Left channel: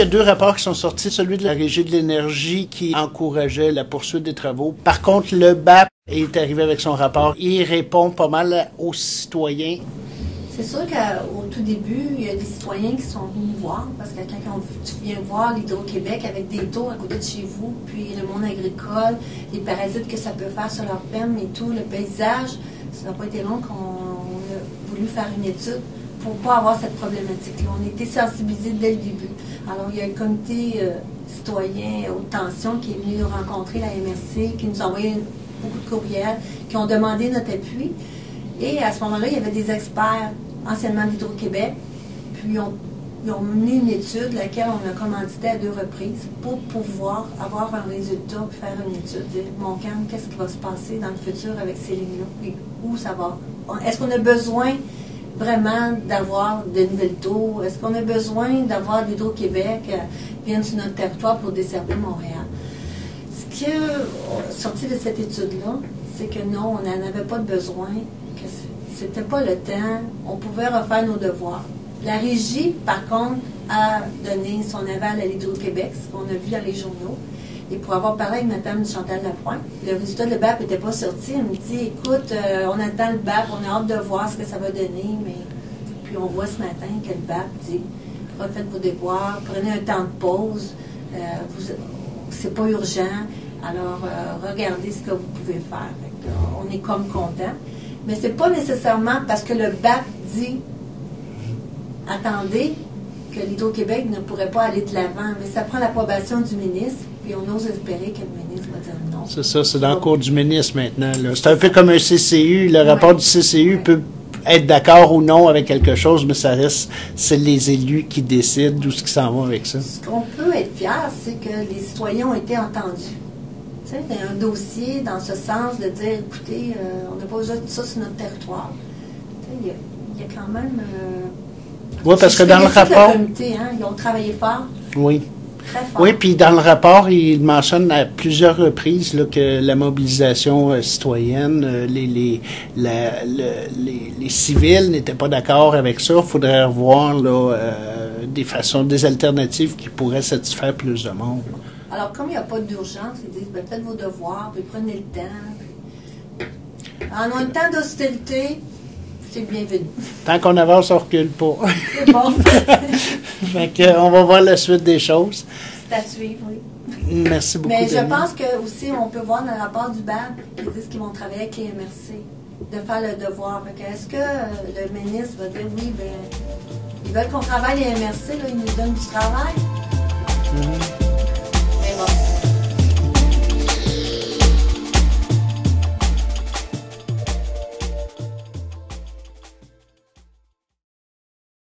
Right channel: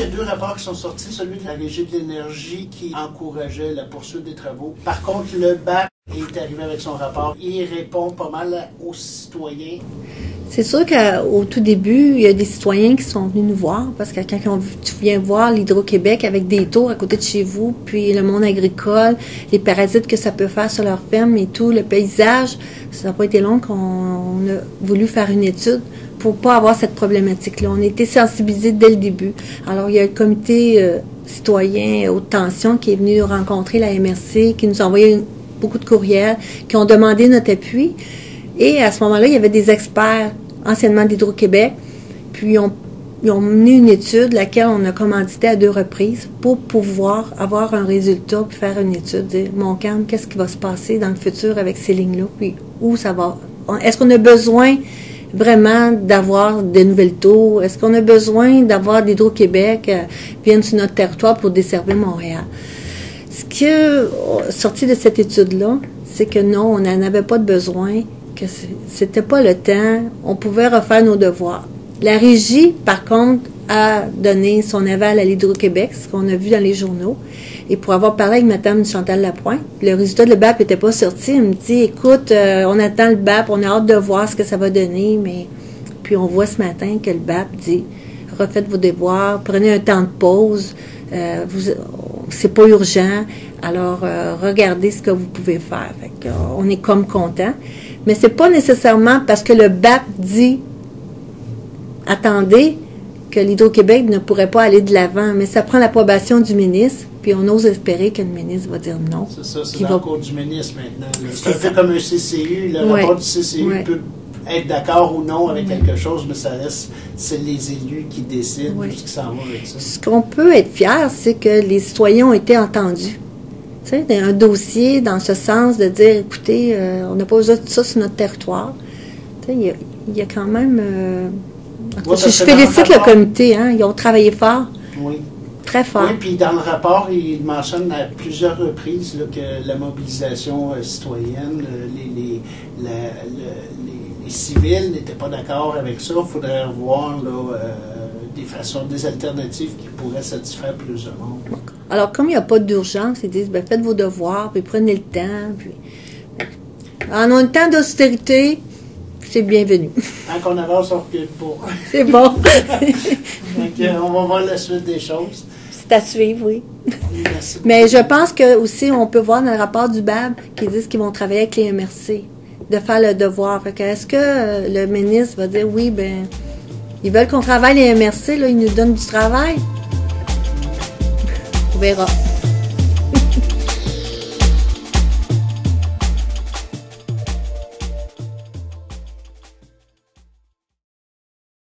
y a 2 rapports qui sont sortis. Celui de la Régie de l'énergie qui encourageait la poursuite des travaux. Par contre, le BAP est arrivé avec son rapport. Il répond pas mal aux citoyens. C'est sûr qu'au tout début, il y a des citoyens qui sont venus nous voir, parce que quand tu viens voir l'Hydro-Québec avec des tours à côté de chez vous, puis le monde agricole, les parasites que ça peut faire sur leur ferme et tout, le paysage, ça n'a pas été long qu'on a voulu faire une étude pour pas avoir cette problématique-là. On a été sensibilisés dès le début. Alors, il y a le comité citoyen haute tension qui est venu rencontrer la MRC, qui nous a envoyé beaucoup de courriels, qui ont demandé notre appui. Et à ce moment-là, il y avait des experts, anciennement d'Hydro-Québec, puis ils ont mené une étude, laquelle on a commandité à 2 reprises, pour pouvoir avoir un résultat, puis faire une étude, dire, Montcalm, qu'est-ce qui va se passer dans le futur avec ces lignes-là, puis où ça va. Est-ce qu'on a besoin vraiment d'avoir de nouvelles tours? Est-ce qu'on a besoin d'avoir d'Hydro-Québec viennent sur notre territoire pour desservir Montréal? Ce qui est sorti de cette étude-là, c'est que non, on n'en avait pas de besoin, que c'était pas le temps, on pouvait refaire nos devoirs. La régie, par contre, a donné son aval à l'Hydro-Québec, ce qu'on a vu dans les journaux. Et pour avoir parlé avec Mme Chantal Lapointe, le résultat de le BAP n'était pas sorti. Elle me dit, écoute, on attend le BAP, on a hâte de voir ce que ça va donner, mais puis on voit ce matin que le BAP dit, refaites vos devoirs, prenez un temps de pause, c'est pas urgent, alors regardez ce que vous pouvez faire. Fait que, on est comme content. Mais c'est pas nécessairement parce que le BAP dit attendez que l'Hydro-Québec ne pourrait pas aller de l'avant, mais ça prend l'approbation du ministre, puis on ose espérer que le ministre va dire non. C'est ça, c'est dans le cours du ministre maintenant. C'est un peu comme un CCU. Le rapport du CCU peut être d'accord ou non avec quelque chose, mais ça reste, c'est les élus qui décident d'où ce qui s'en va avec ça. Ce qu'on peut être fier, c'est que les citoyens ont été entendus. Tu sais, un dossier dans ce sens de dire, écoutez, on n'a pas besoin de ça sur notre territoire. Tu sais, il y a quand même... je félicite le comité, hein, ils ont travaillé fort. Oui. Très fort. Oui, puis dans le rapport, il mentionne à plusieurs reprises là, que la mobilisation citoyenne, les civils n'étaient pas d'accord avec ça. Il faudrait revoir là, des alternatives qui pourraient satisfaire plus de monde. Alors, comme il n'y a pas d'urgence, ils disent, ben, faites vos devoirs, puis prenez le temps. Puis... En un temps d'austérité, c'est bienvenu. Tant qu'on avance, on ne recule pas. C'est bon. On va voir la suite des choses. C'est à suivre, oui. Merci beaucoup. Mais je pense que aussi, on peut voir dans le rapport du BAB qu'ils disent qu'ils vont travailler avec les MRC, de faire le devoir. Est-ce que le ministre va dire, oui, ben, ils veulent qu'on travaille les MRC, là, ils nous donnent du travail? On verra.